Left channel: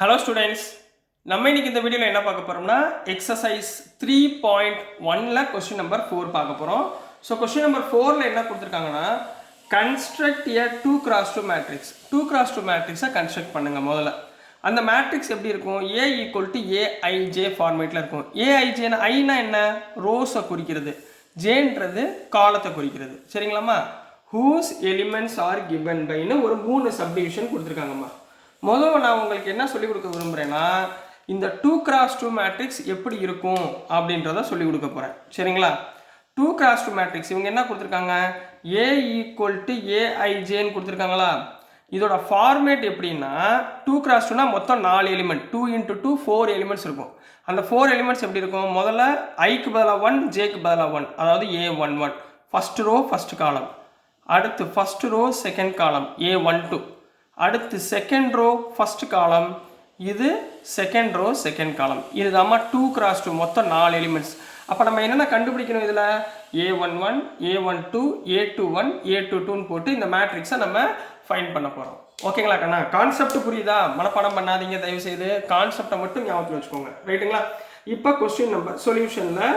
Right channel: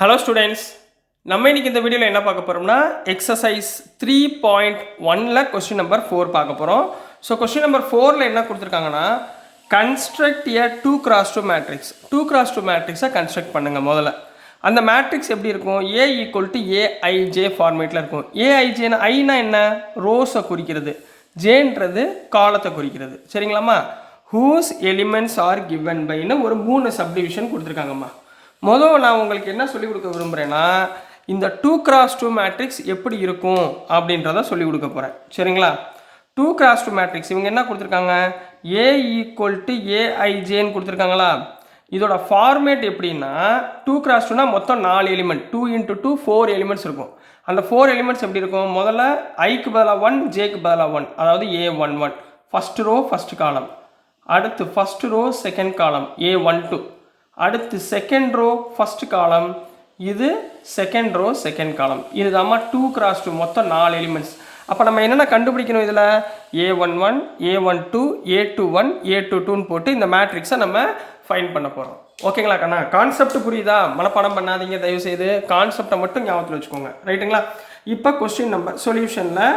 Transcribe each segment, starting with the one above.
Hello students, நம்ம இன்னைக்கு இந்த வீடியோவில் என்ன பார்க்க போகிறோம்னா எக்ஸசைஸ் 3.1ல் கொஸ்டின் நம்பர் 4 பார்க்க போகிறோம். ஸோ கொஸ்டின் நம்பர் 4ல் என்ன கொடுத்துருக்காங்கன்னா, கன்ஸ்ட்ரக்ட் ஏ 2x2 மேட்ரிக்ஸ். 2x2 மேட்ரிக்ஸை கன்ஸ்ட்ரக்ட் பண்ணுங்கள். முதல்ல அந்த மேட்ரிக்ஸ் எப்படி இருக்கும்? ஏ ஈக்குவல் டு ஏஐஜே ஃபார்மேட்டில் இருக்கும். ஏஐஜேன்னு ஐனா என்ன? ரோஸை குறிக்கிறது, ஜேன்றது காலத்தை குறிக்கிறது. சரிங்களாம்மா? ஹூஸ் எலிமெண்ட்ஸ் ஆர் கிவன் பைன்னு ஒரு 3 சப்டிவிஷன் கொடுத்துருக்காங்கம்மா. முதல்ல நான் உங்களுக்கு என்ன சொல்லிக் கொடுக்க விரும்புகிறேன்னா, இந்த 2x2 மேட்ரிக்ஸ் எப்படி இருக்கும் அப்படின்றத சொல்லிக் கொடுக்க போகிறேன். சரிங்களா? 2x2 மேட்ரிக்ஸ் இவங்க என்ன கொடுத்துருக்காங்க? ஏ ஈக்குவல் டு ஏஐஜேன்னு கொடுத்துருக்காங்களா? இதோட ஃபார்மேட் எப்படின்னா, 2x2னா மொத்தம் 4 எலிமெண்ட், 2 × 2 4 எலிமெண்ட்ஸ் இருக்கும். அந்த 4 எலிமெண்ட்ஸ் எப்படி இருக்கும்? முதல்ல ஐக்கு பதிலாக 1, ஜேக்கு பதிலாக 1, அதாவது A11 ஃபஸ்ட் ரோ ஃபஸ்ட் காலம். அடுத்து first row second column A12. அடுத்து செகண்ட் ரோ ஃபஸ்ட் காலம், இது செகண்ட் ரோ செகண்ட் காலம். இது தான் 2x2 மொத்தம் 4 எலிமெண்ட்ஸ். அப்போ நம்ம என்னென்ன கண்டுபிடிக்கணும்? இதில் A11, A12, A21, A22ன்னு போட்டு இந்த மேட்ரிக்ஸை நம்ம ஃபைண்ட் பண்ண போகிறோம். ஓகேங்களா கண்ணா? கான்செப்ட் புரியுதா? மனப்பாடம் பண்ணாதீங்க தயவுசெய்து, கான்செப்டை மட்டும் ஞாபகத்தில் வச்சுக்கோங்க. ரைட்டுங்களா? இப்போ கொஸ்டின் நம்பர் சொல்யூஷனில்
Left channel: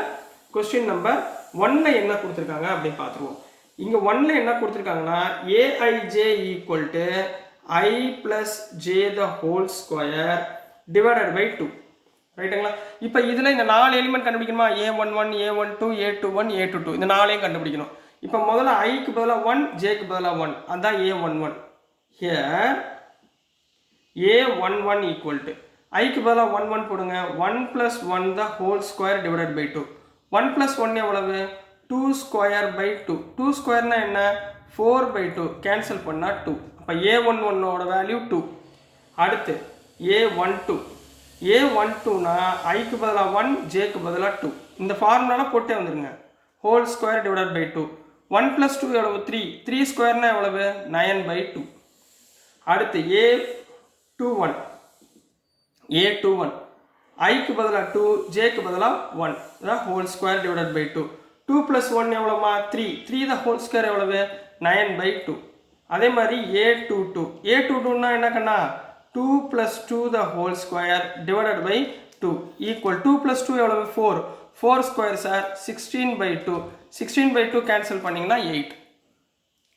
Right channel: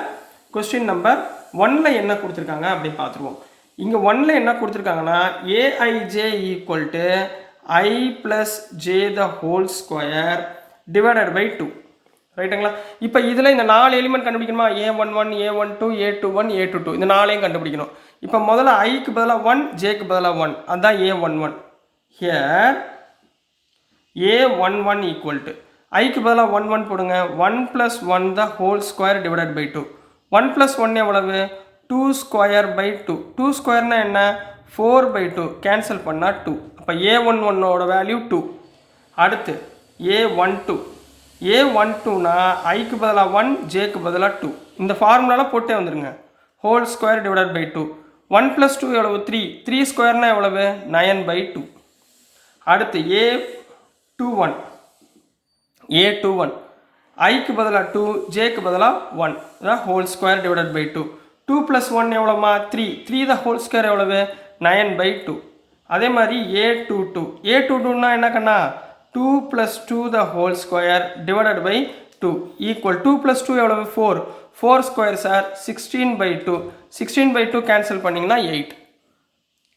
கொஸ்டின் நம்பர் 1ல் என்ன கொடுத்துருக்காங்க அப்படின்னு பார்த்துருவோம். இங்கே 1ல் என்ன கொடுத்துருக்காங்கன்னா, AIJ equal to I plus j the whole square divided by 2. ரைட்டுங்களா? இப்போ இதில் இந்த 4 element கண்டுபிடிக்கணுமா? A11, A12, A21, A22 இந்த 4ஐயும் கண்டுபிடிக்கணும். இப்போ முதல்ல ஐக்கு பதிலாக 1, ஜேக்கு பதிலாக 1, அதுதான் A11. Here A11 equal to ஐக்கு பதிலாக 1 1 போடுங்க. 1 + 1 the whole square divided by 2. 1 + 1 எவ்வளவு? 2 square by 2. 2 ஸ்கொயர்னா என்ன? 4/2 கேன்சல் பண்ணால் 2. அப்போ A11ஓட வேல்யூ 2. அடுத்து A12. A12னா ஐக்கு பதிலாக 1, ஜேக்கு பதிலாக 2. இந்த ஃபார்முலாவில் போட்டே வந்துடுங்க. Whole square divided by 2. 1 + 2 எவ்வளவு? 3. 3 ஸ்கொயர்னா எவ்வளவு? 9/2. அடுத்து A21. A21 ஐக்கு பதிலாக 2, ஜேக்கு பதிலாக 1. அதான் ஹோல் ஸ்கொயர் டிவைடட் பை 2. 2 + 1 எவ்வளோமா? 3. 3 த ஹோல் ஸ்கொயர் எவ்வளவு? 9/2. அதே மாதிரி A22. A22னா என்ன கண்ணா? 2 + 2 the whole square divided by 2 equal 2 + 2 எவ்வளவு? 4. 4 ஸ்கொயர் சார் 16/2. 16/2 கேன்சல் பண்ணிங்கன்னா 8.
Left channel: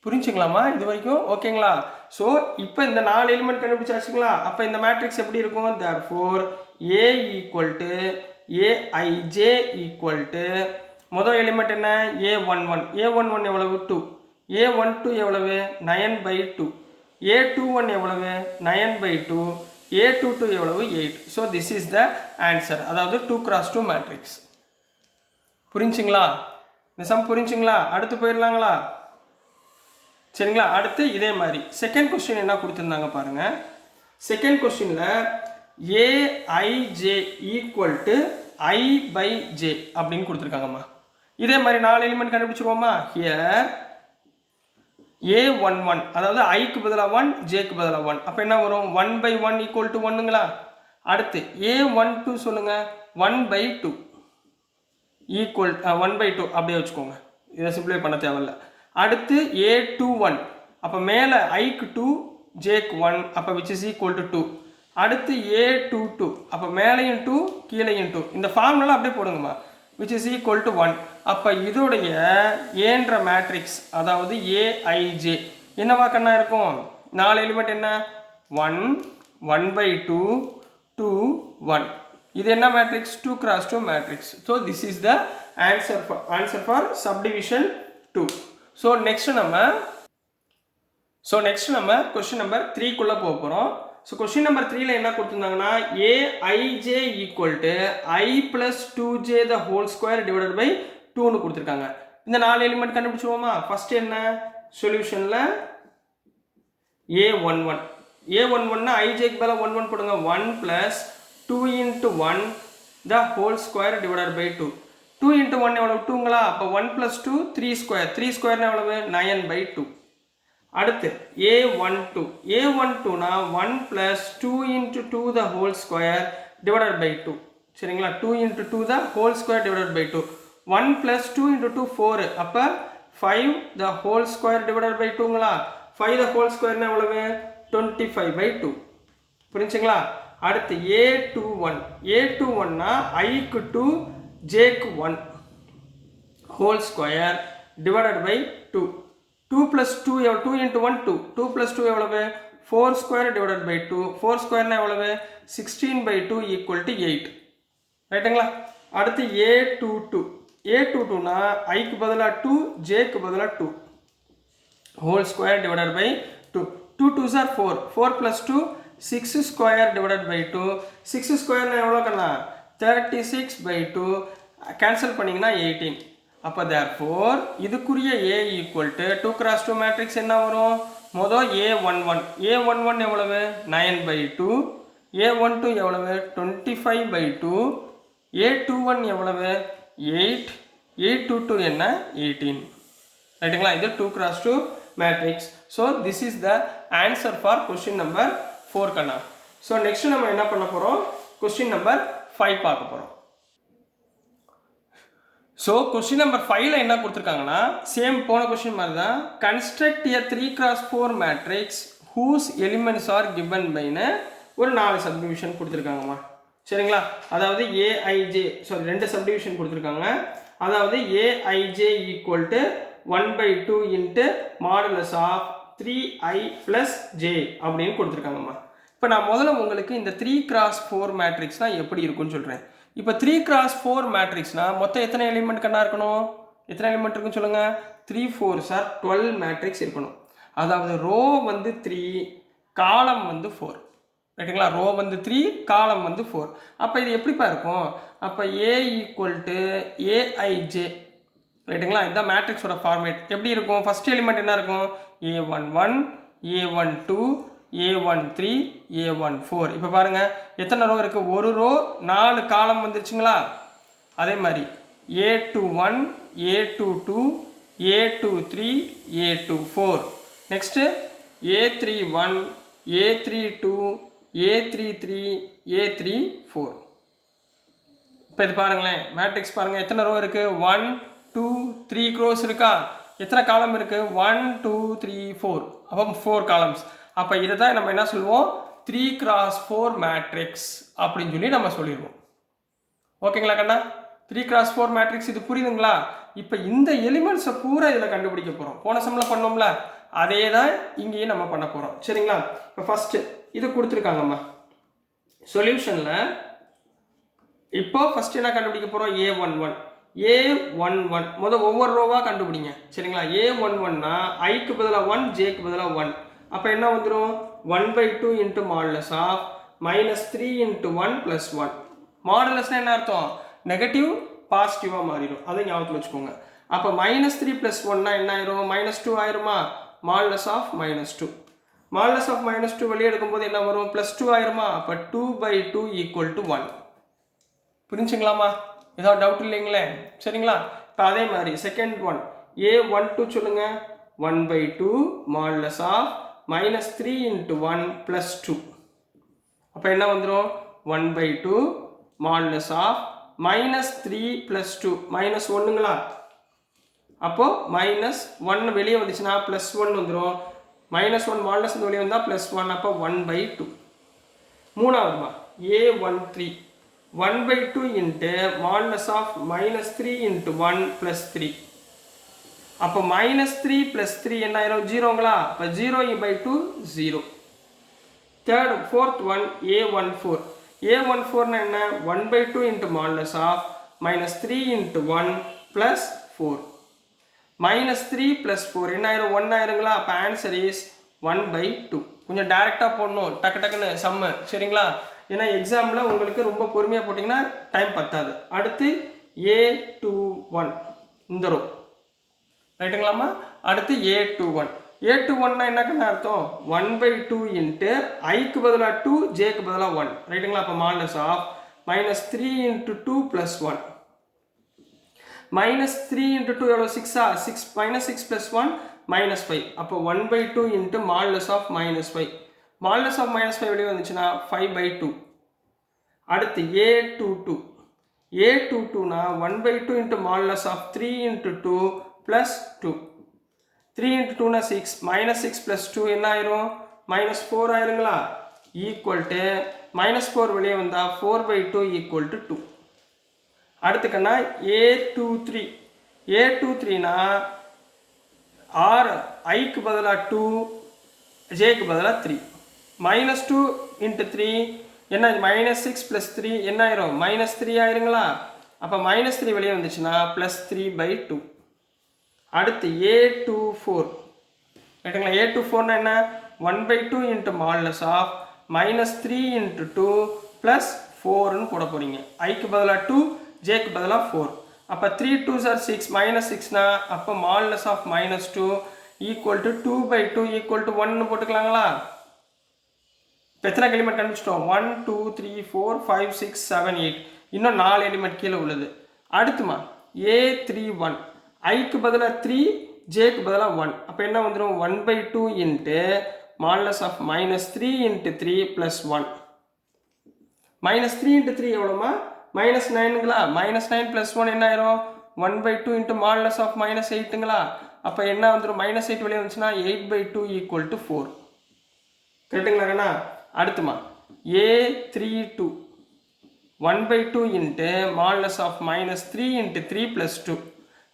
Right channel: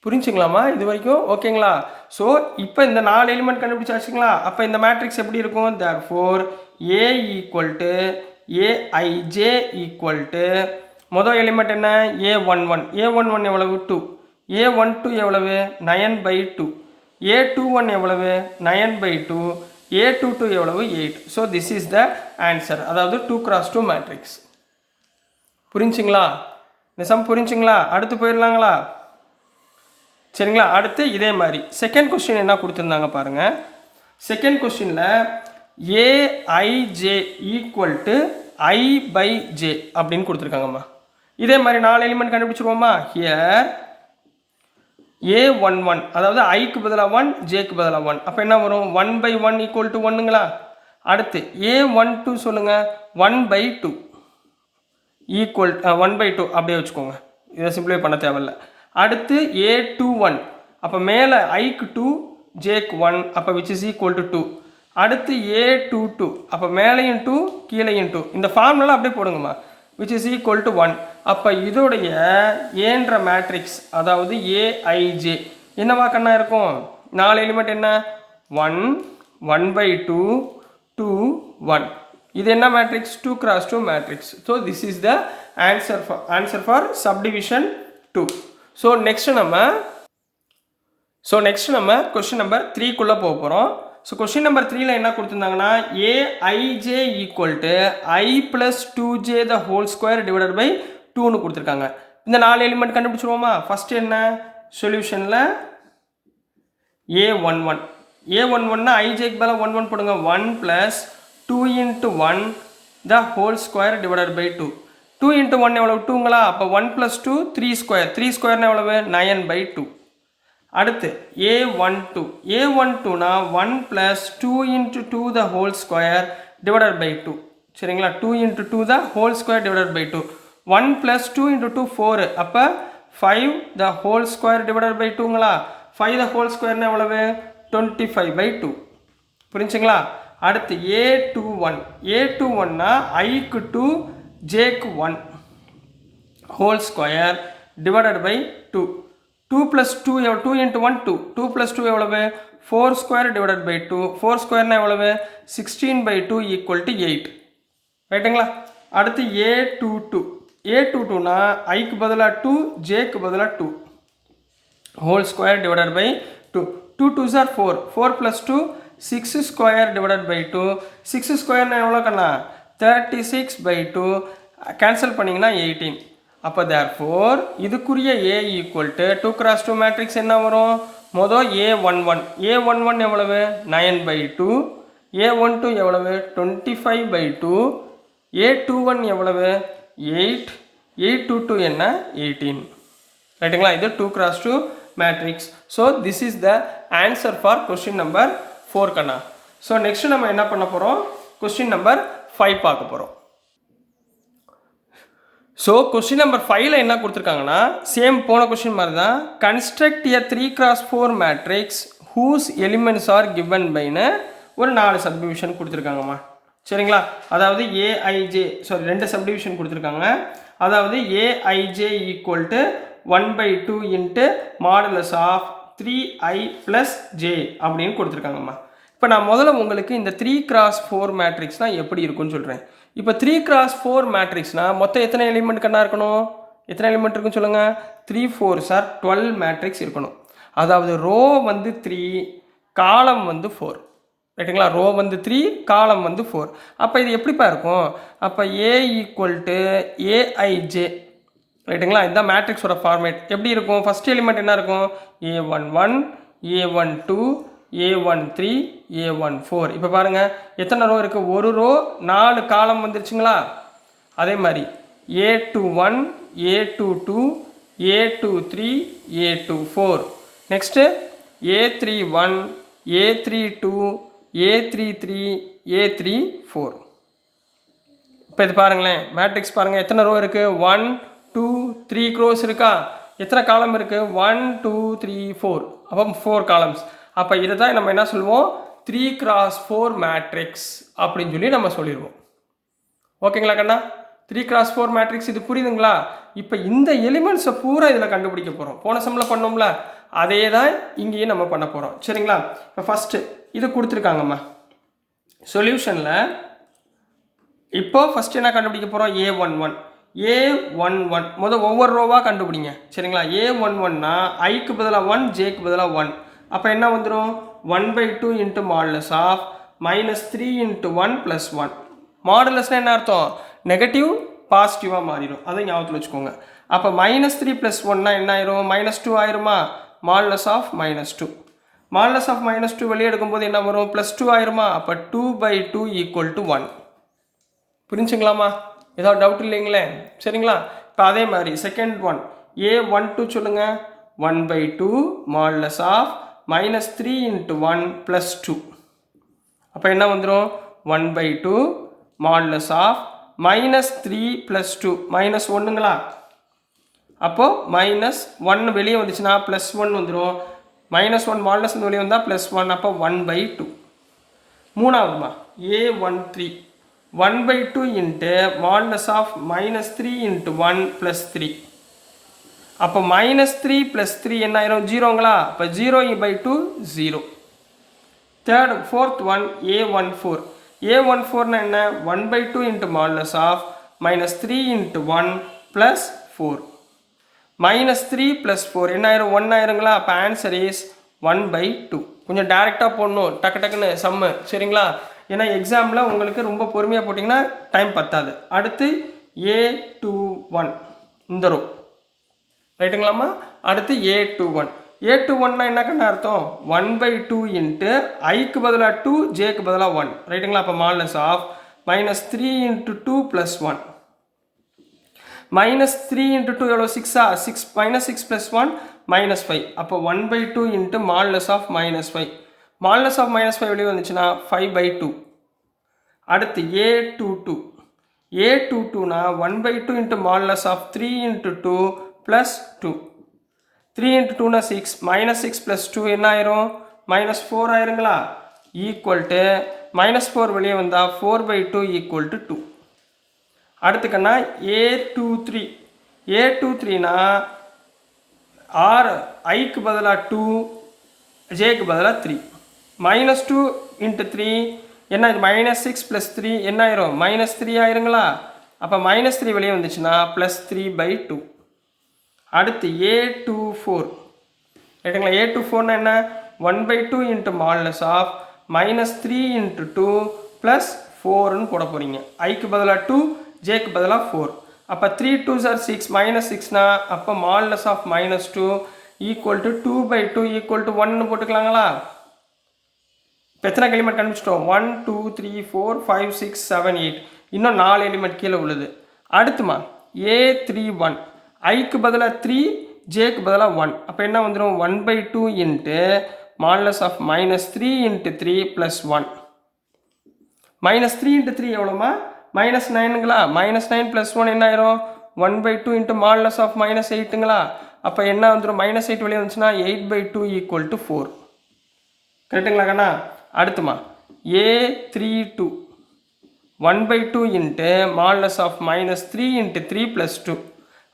புரிஞ்சுங்களாமா இது வரைக்கும்? ஓகேங்களா? ஸோ இப்போ இந்த 4 எலிமெண்ட் கண்டுபிடிச்சாச்சுங்களா? அப்போ இந்த மேட்ரிக்ஸ் எப்படி இருக்கும்? therefore A equal to AIJ equal to முதல் எலிமெண்ட் என்ன? A11. A11 எவ்வளவு? 2. A12 எவ்வளவு? 9/2. A21 எவ்வளவு? 9/2. A22 எவ்வளவு? 8. So this is the answer. அதாவது 2x2 மேட்ரிக்ஸ். புரிஞ்சுங்களா? இந்த சம் புரிஞ்சுங்களா? அடுத்து போயிடலாங்களா? சரிங்களா? அடுத்து இதே மாதிரி செகண்ட் கொஸ்டின் என்ன கொடுத்துருந்தாங்க பாருங்க. செகண்ட் கொஸ்டினில் ஏஐஜே ஈக்குவல் டு I/J அப்படின்னு கொடுத்துருக்காங்கம்மா. இதே மாதிரி 4 எலிமெண்ட் கண்டுபிடிச்சிருவோமா? ஹியர் A11 அதாவது ஐக்கு பதிலாக 1, ஜேக்கு பதிலாக 1. அப்போ என்ன வரும்? 1/1 ஈக்குவல் டு 1ங்களா? அடுத்து A12 சொல்லுங்க. 1/2 ஈக்குவல் 1/2 அப்படியே வச்சுக்கோங்க. இதை சிம்பிளை பண்ண தேவையில்லை. அடுத்து A21. அப்போ மேலே ஐக்கு 2, ஜேக்கு 1, அப்போ விச் இஸ் ஈக்குவல் டு 2. அடுத்து A22. அப்போ மேலேயும் 2, கீழேயும் 2. இந்த ஃபார்முலா அப்படியே போடுங்கம்மா. which is equal to 1. அப்போ இதோடைய ஏன்ற மேட்ரிக்ஸ் அதாவது ஏஐஜே என்னவா கண்ணா இருக்கும்? 4 எலிமெண்ட் என்ன? 1, 1/2, 2, 1. இது என்ன matrix? 2x2 matrix. So this is the answer for subdivision 2. So next நம்ம கொஸ்டின் நம்பர் 3க்குள்ளே போக போகிறோம். ஸோ கொஸ்டின் நம்பர் 3ல் என்ன கொடுத்துருந்தாங்கன்னா, A I J equal to I + 2j the whole square divided by 2ன்னு கொடுத்துருக்காங்க. இந்த 4 எலிமெண்ட் கண்டுபிடிச்சிருவோமா? ஃபஸ்ட்டு என்ன? சொல்யூஷனில் A11னா ஐஜேக்கு பதிலாக 1 1 போடுங்க. 1 + 2 × 1 the whole square divided by 2. 2 × 1 எவ்வளவு? 2ங்களா? அப்போ 1 + 2 3 ஸ்கொயர். 3 ஸ்கொயர்னா எவ்வளவு? 9/2. அடுத்து A12னா 1 + 2 × 2 the whole square divided by 2. சரிங்களா? 2 × 2 the whole square divided by 2. 1 + 2 × 2 4. அப்போ 5 the whole square divided by 2ங்களா? 5 the whole square எவ்வளவு? 25/2. புரிஞ்சுங்களா? அடுத்து A21 A21னா ஐக்கு 2 ஜேக்கு 1 whole square divided by 2 2 plus 2 2 into 1 2 2 plus 2 எவ்வளவு 4 ஸ்கொயர் டிவைடட் பை 2 4 ஸ்கொயர்னா எவ்வளவு 16 பை 2 ஈக்குவல் டு 8 ரைட்டுங்களா. அடுத்து A22னா ஐக்கு பதிலாக 2 ஜேக்கு பதிலாக 2 whole square divided by 2 2 2s are 4 4 plus 2 6 square divided by 2 6 square na எவ்வளோ கண்ணா 36 by 2 கேன்சல் பண்ணிங்கன்னா 18 அப்போ therefore இதுக்குரிய A equal to 2 cross 2 matrix என்ன வரும் மொதல் A11 எவ்வளவு 9 by 2 A12 எவ்வளவு 25 by 2 A21 எவ்வளவு 8 A22 என்ன 18 ரைட்டுங்களா. இது 2 cross 2 matrix. So this is the answer for question number 4 Kanna. So next நம்ம என்ன பண்ண போகிறோம் question number 5 பார்க்க போகிறோம். ஸோ question number 5ல என்ன கொடுத்துருக்காங்கன்னா சேம் போன கொஸ்டின் மாதிரி தான் construct a 3 cross 4 matrix whose elements are given byன்னு ஒரு 4 சப்டிவிஷன் கொடுத்துருக்காங்கம்மா சரிங்களா. அதாவது ஏஐஜே ஸோ 2 சப்டிவிஷன் கொடுத்துருக்காங்க. அதாவது a i j equal to 1/2 into modulus of 3i + j அப்படின்னு கொடுத்துருக்காங்கம்மா. இப்போ நான் முதல்ல உங்களுக்கு இந்த 3 cross 4 மேட்ரிக்ஸ் தான் எப்படி இருக்குன்னு சொல்கிறேன். இப்போ 3 cross 4 மேட்ரிக்ஸ்னால் மொத்தம் எத்தனை எலிமெண்ட் கண்ணா இருக்கணும் எத்தனை எலிமெண்ட் இருக்குன்னு சொல்லுங்கள் 3 4s are 12 மேட்ரிக்ஸ் இருக்கணும். அதாவது ரோ வந்து 3 காலம் வந்து 4 ரைட்டுங்களா. ரோ வந்து 3 காலம் வந்து 4. அப்போ இது எப்படிப்பா இருக்கும் அப்போ A ஈக்குவல் டு ஏஐஜே ரைட்டுங்களா. இதுதான் மேட்ரிக்ஸோட ஃபார்மேட். எப்படி இருக்கும் ஃபஸ்ட் எலிமெண்ட் என்ன இருக்கும் A11 A12 A13 A14. இப்போ பாருங்கள் எத்தனை ரோ இருக்குது ஒரு ரோ 4 காலம் வந்துருச்சுங்களா. அதே மாதிரி A21 A22 A23 A24 next A31 A32 A33 A34. இப்போ இது பாருங்களேன் மேட்ரிக்ஸ் பாருங்கள் எத்தனை ரோ இருக்குது 1 2 3 க்ரோஸ் இருக்கா எத்தனை காலம் இருக்குது 1 2 3 4 அப்போ 4 காலம்ஸ். அப்போ இதை தான் நம்ம என்ன சொல்லுவோம் 3 cross 4 மேட்ரிக்ஸ் அப்படின்னு சொல்லி நம்ம சொல்லிடுவோம். ஓகேங்களா கண்ணா 3 cross 4 மேட்ரிக்ஸ் இது புரியுதுங்களா. இப்போ இந்த எலிமெண்ட்ஸை பூரா இதில் கண்டுபிடிக்க போகிறோம். போன செம்மில் பண்ணோம்ல அதே தான் இங்கேயும் நம்ம பண்ண போகிறோம் சரிங்களா. இப்போ ஃபஸ்ட்டு இது கொடுத்துருக்காங்கம்மா சொல்யூஷனில். இப்போ ஃபஸ்ட்டு என்ன கண்டுபிடிக்க போகிறோம் A11 முதல் ஒவ்வொரு ரோவாக கண்டுபிடிங்க சரிங்களா. A11னா ஐக்கு பதிலாக 1 ஜேக்கு பதிலாக 1 அப்போ என்ன வந்துடும் 1/2 இன்ட்டு மாடுலஸ் ஆஃப் -3 இன்ட்டு 1 + 1 மாடுலஸ்னால் என்ன அர்த்தம் நெகட்டிவ் பாசிட்டிவாக மாறிடும் அதை ஞாபகத்தில் வச்சுக்கோங்க. அப்போ -3 + 1னா என்ன ஆயிரும் -2 ஆயிருமா மாடுலஸ் ஆஃப் -2 மாடுலஸ் ஆஃப் -2 வெளியே எடுக்கும்போது என்ன வரும் +2 ஆயிருமா. அப்போ 2/2 = 1 புரிஞ்சுங்களாமா ஏதாவது டவுட் இல்லைங்களே சரிங்களா. இப்போ அதே மாதிரி செகண்ட் ஒன் A12 சொல்லுங்கள் 1/2 மாடுலஸ் ஆஃப் -3 இன்ட்டு 1 + 2 அப்போ என்ன வந்துடும் 1/2 மாடுலஸ் ஆஃப் -3 + 2 -1ங்களா. அப்போது -1 வெளியே வந்துச்சுன்னா +1 வந்துடும் -1 மாடுலஸ் வெளியே வந்தால் +1 அப்போ 1/2. மூணாவதுமா A13 1/2 into modulus of -3 into 1 + 3 அப்போ -3 + 3 என்ன ஆயிரும் 0ங்களா. அப்போ 0/2 0. ஃபோர்த் ஒன் A14 என்ன 1/2 இன்ட்டு மாடுலஸ் ஆஃப் -3 இன்ட்டு 1 + 4 -3 + 4 என்ன ஆயிரும் 1 ஆயிருங்களா. அப்போ ஆன்சர் இஸ் 1/2. கொஞ்சம் டேரெக்டாக போடணும் டக்குன்னு சம்மு சரிங்களா. ஏன்னா எக்ஸாமில் உங்களுக்கு ரொம்ப பொறுமையாக போட்டிங்கன்னா டைம் பத்தாது. அடுத்து A21 இந்த ரோ ரைட்டுங்களாம்மா. அடுத்து A21னா என்ன கண்ணா அர்த்தம் 1/2 இன்ட்டு ஐக்கு பதிலாக 2 ஜேக்கு பதிலாக 1 ரைட்டுங்களா. அப்போ மாடுலஸ் ஆஃப் -3 இன்ட்டு 2 + 1 -3 இன்ட்டு 2 எவ்வளோ 6 -6 + 1 -5 அப்போ 1/2 into modulus of -5 modulus of -5 வெளியே வந்துச்சுன்னா 5/2. அடுத்து A22னா 1/2 into modulus of 3 into 2 + 2 3 into 2னா 6 -6 + 2 என்ன ஆயிரும் -4 ஆயிருங்களா ஈக்குவல் டு -4 வெளியே வந்தால் 4/2 = 2. அடுத்துக்கண்ணா A23. A23னா ஐக்கு பதிலாக 2, ஜேக்கு பதிலாக 3. -2 × 3 என்ன, இது -6 + 3 என்ன ஆயிரும், -3 ஆயிருங்களா. அப்போ -3 வெளியே வந்துச்சுன்னா +3/2. அடுத்து A24 ரைட்டுங்களா. A24னா என்ன, 1/2 × மாடுலஸ் ஆஃப் -3 × 2 + 4ன்னு போட போகிறீங்க. ஐக்கு பதிலாக 2, ஜேக்கு பதிலாக 4. அப்போ 3 2s are 6, -6னா அப்போ மாடுலஸ் ஆஃப் -2 = 2/2 = 1ன்னு போட்டுக்கலாங்களா. இப்போ எத்தனை எலிமெண்ட் கண்டுபிடிச்சிட்டோம், 1 2 3 4 5 6 7 8, இன்னும் 4 எலிமெண்ட் கீழே உள்ளது. அடுத்துமா A31 ஐக்கு பதிலாக 3, ஜேக்கு பதிலாக 1. அப்போ என்ன வந்துடும், 1/2 × மாடுலஸ் ஆஃப் -3 × 3 + 1. -3 × 3 எவ்வளோமா, -9ங்களா. -9 + 1 என்ன ஆயிரும், 1/2 × மாடுலஸ் ஆஃப் -8ங்களா. அப்போ என்ன வந்துடும், -8 வெளியே வந்துச்சுன்னா 8/2 = 4. கரெக்டுங்களா கண்ணா. அடுத்துமா A32 1/2 × மாடுலஸ் ஆஃப் -3 × 3 + 2.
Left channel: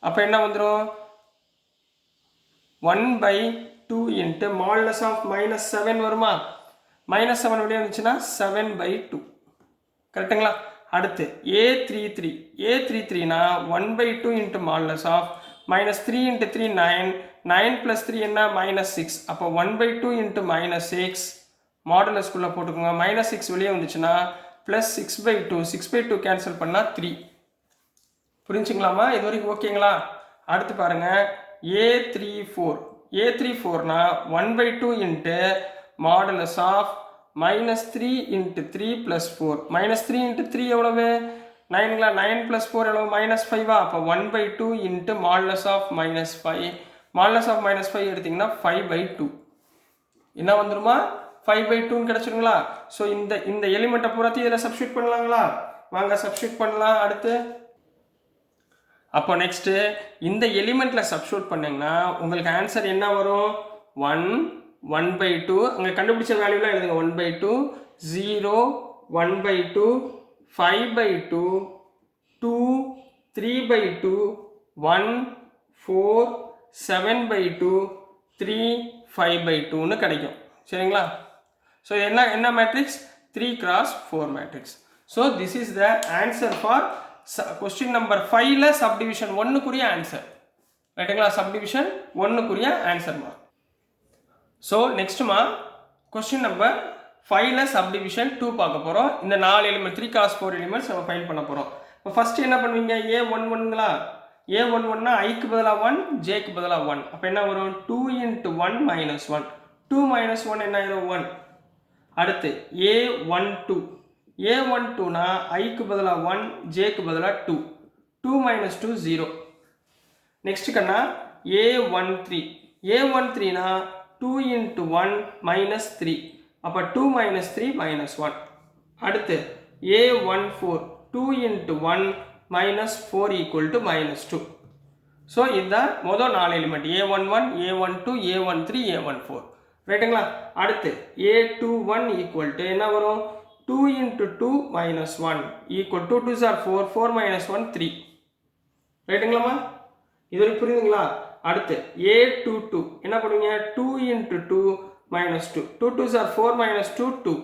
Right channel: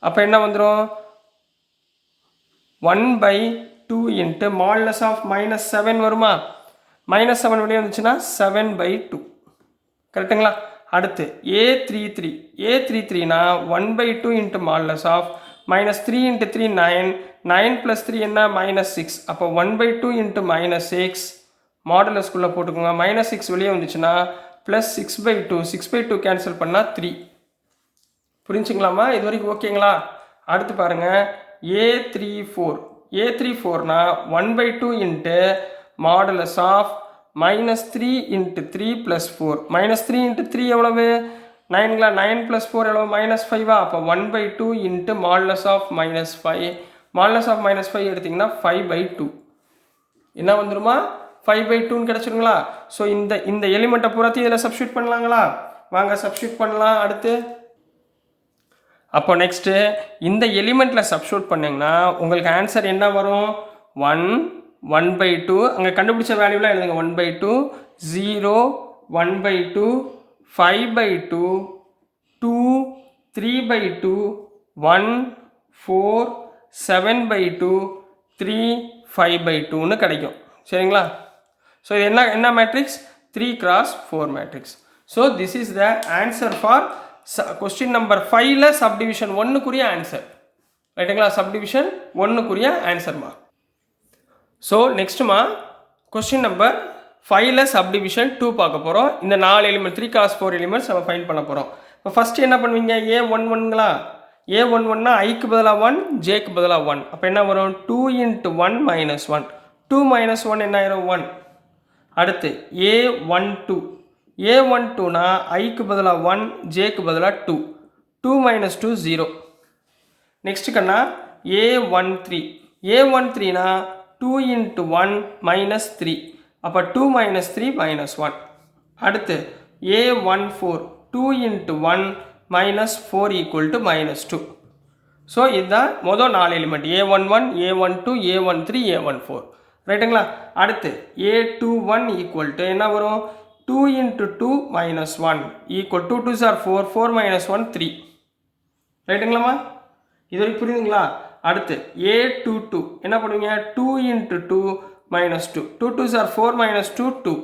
அப்போ என்ன வந்துடும், 1/2 × மாடுலஸ் ஆஃப் -7 வருமா. -7 வெளியே வந்துச்சுன்னா 7/2. கரெக்டுங்களா. அடுத்து A33னா 1/2 × மாடுலஸ் ஆஃப் -3 × 3 9, 9 + 3 என்ன, -6. அப்போ 1/2 × -6 மாடுலஸ்குள்ளே போட்டுக்கோங்க. -6 வெளியே வந்துச்சுன்னா +6/2, 6/2 கேன்சல் பண்ணால் 3. புரிஞ்சுங்களாமா, இது வரைக்கும் ஓகேங்களா. அடுத்து பாருங்கள் A34னா 1/2 × மாடுலஸ் ஆஃப் -3 × 3 + 4. -3 × 3 எவ்வளவு, 9ங்களா. 9 + 4 எவ்வளவு, -5. அப்போ 1/2 × மாடுலஸ் ஆஃப் -5. மாடுலஸ் ஆஃப் -5 எடுத்திங்கன்னா 5/2 என்ன வந்துருமா, 5/2ன்னு கிடச்சிருங்களா. ஸோ இந்த எலிமெண்ட்டை பூராத்தையும் இதில் சப்ஸ்டியூட் பண்ணலாங்களா. வாங்க சப்ஸ்டியூட் பண்ணலாம். அடுத்து அப்போ நெக்ஸ்ட்டு இந்த எலிமெண்ட்டில் சப்ஸ்டியூட் பண்ணிங்கன்னா உங்களுக்கு ஆன்சர் என்ன வரும், 1 1/2 அங்கே கண்டுபிடிச்ச வேல்யூலாம் எழுதுங்க. 1/2 0 1/2 5/2 2 3/2 1 4 7/2 3 5/2ன்னு கிடைக்கும். சரிங்களா. ஸோ என்ன matrix, 3x4 matrix. So this is the answer for question number 5ல் சப்டிவிஷன் 1க்குரிய ஆன்சர். ரைட்டுங்களா. சப்டிவிஷன் 1க்குரிய ஆன்சர்மா. ஸோ நெக்ஸ்ட்டுமா கொஸ்டின் நம்பர் 5ல் சப்டிவிஷன் 2 பார்க்க போகிறோம். இந்த 4 எலிமெண்ட் 3x4 எலிமெண்ட்ஸ் நம்ம ஃபைண்ட் பண்ண போகிறோம். இப்போ ஃபஸ்ட்டு என்ன பண்ணுவீங்க, A11ங்களா. A11னா ஐக்கு பதிலாக 1, ஜேக்கு பதிலாக 1. அப்போ என்ன வரும், 2 × 1 - 1. 2 - 1 என்ன ஆயிரும், 1. அடுத்து A12னா ஐக்கு பதிலாக 1, ஜேக்கு பதிலாக 2. 2 - 2 0. நெக்ஸ்ட் கண்ணா A13னா 2 × 1 - 3. அப்போ 2 - 3 - 1. அடுத்து A14 2 × 1 - 4 = -2. ஸோ இதுதான் மொதல் 4 element, A11 A12 A13 A14. ரைட்டுங்களா. அடுத்து A21 = என்ன வரும், 2 × 2 - 1 = 2 2s are 4 4 - 1 3. ரைட்டுங்களாம்மா, இது வரைக்கும் புரியுதுங்களா. அடுத்து A22 என்ன பண்ணுவீங்க, 2 × 2 - 2 2 2s are 4 - 2 2.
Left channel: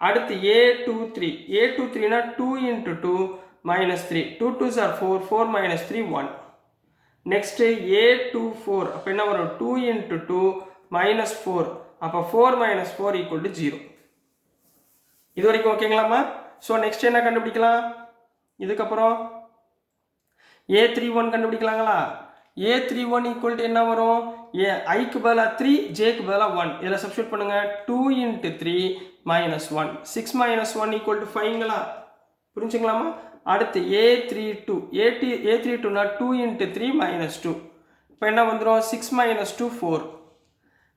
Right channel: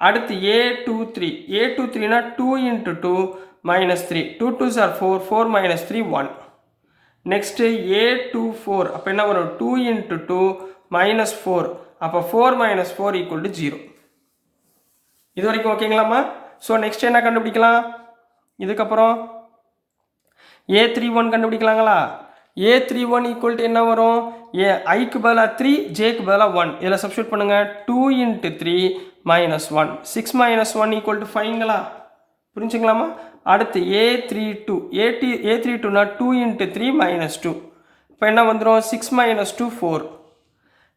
அடுத்து A23னா 2 × 2 - 3 2 2s are 4 4 - 3 1. நெக்ஸ்ட் A24 அப்போ என்ன வரும், 2 × 2 - 4. அப்போ 4 - 4 = 0. இது வரைக்கும் ஓகேங்களாம்மா. ஸோ நெக்ஸ்ட் என்ன கண்டுபிடிக்கலாம், இதுக்கப்புறம் A31 கண்டுபிடிக்கலாங்களா. A31 = என்ன வரும், ஐக்கு பதிலாக 3, ஜேக்கு பதிலாக 1. இதில் சப்ஸ்டியூட் பண்ணுங்கள். 2 × 3 - 1 6 - 1 = 5ங்களா. புரிஞ்சுங்களாம்மா. அடுத்து A32னா 2 × 3 - 2. இப்போ என்ன வந்துடும், 6 - 2 4.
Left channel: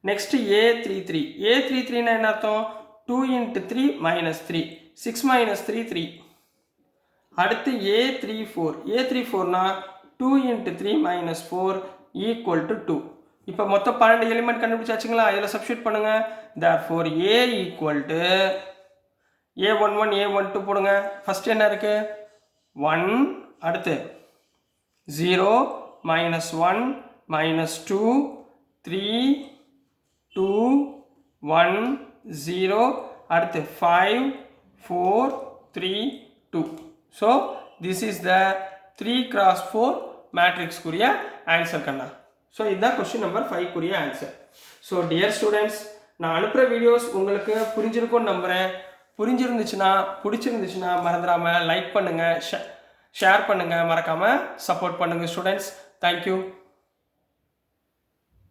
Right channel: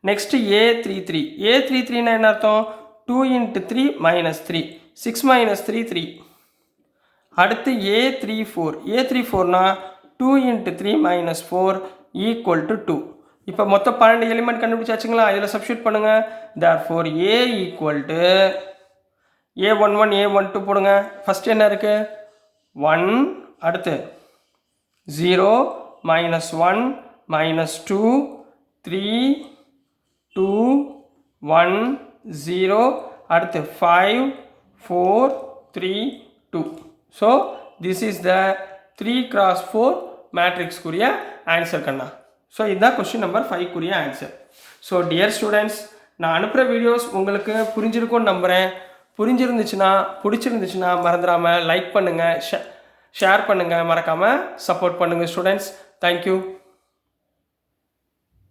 நெக்ஸ்ட் A33னா என்ன அர்த்தம், 2 × 3 - 3 6 - 3 3. அடுத்து A34னா 2 × 3 - 4 = 2. இப்போ மொத்தம் 12 எலிமெண்ட் கண்டுபிடிச்சாச்சுங்களா. இதில் சப்ஸ்டியூட் பண்ணுங்கள். therefore A = A11 A12 போடுங்க. ஃபஸ்ட் என்ன இருக்குது 1 அடுத்து 0 -1 -2 3 2 1 0 அடுத்து 5 4 3 2. So this is the 3x4 மேட்ரிக்ஸ்க்குரிய ஆன்சர் கண்ணா. ஸோ இதுதான் கொஸ்டின் நம்பர் 5க்குரிய ஆன்சர். ஸோ டியர் ஸ்டூடெண்ட்ஸ், நான் அனுப்புகிற வீடியோஸ் உங்களுக்கு புரிஞ்சிருக்கும்னு நம்புகிறேன். பிடிச்சிருந்துச்சுன்னா மறந்துடாமல் லைக் பண்ணுங்கள், ஷேர் பண்ணுங்கள், மறக்காமல் சப்போர்ட் பண்ணுங்கள் ஸ்டூடெண்ட்ஸ். தேங்க்யூ.